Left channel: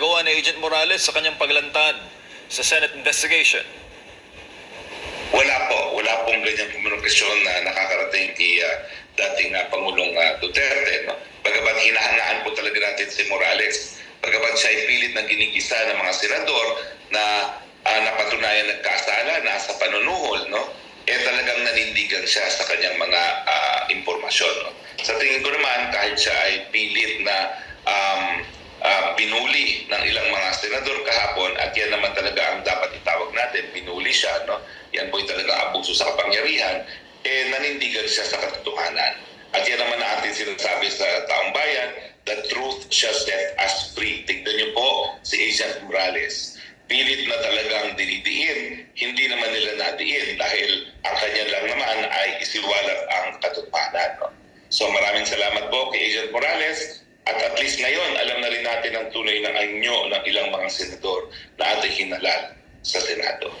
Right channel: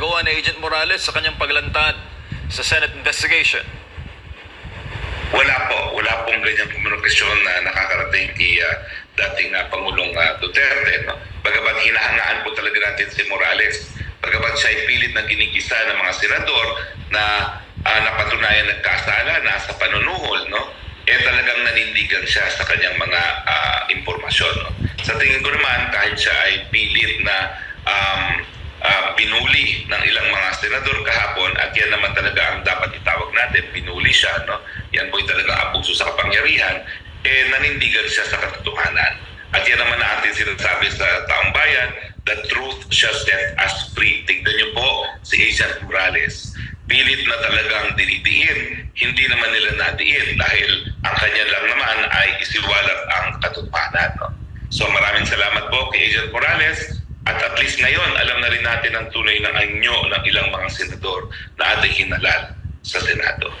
ginagawa ni Agent Morales sa kanyang paglantad sa Senate investigation? Wala pong ganyang komunikasyon na nakakarating kay dating Pangulong Duterte. No? Bagamat hinahangaan po talaga natin si Morales, bagamat siya ay pilit na ginigisa ng mga senador na napatunayan nagkasala, nasa panunuhol, no? Talagang nanindigan siya sa kanyang mga impormasyon. No? Sa tingin ko naman, kahit siya ay pilit na binuli ng ilang mga senador kahapon, at yan naman talaga ang dapat itawag natin, binuli siya, no? Yan po talaga abuso sa kapangyarihan, nanindigan siya sa katotohanan. At yan naman na atin sinasabi sa taong bayan, the truth shall set us free. Tignan niyo po si Agent Morales. Pilit na talagang dinidiin, hindi naman nila nadiin dahil ang kanya lang naman ay isiwalat ang katotohanan. No? So maraming salamat po kay Agent Morales. At least ngayon, alam na rin natin ang tunay ng anyo ng ilang mga senador na ating hinalal sa Senado.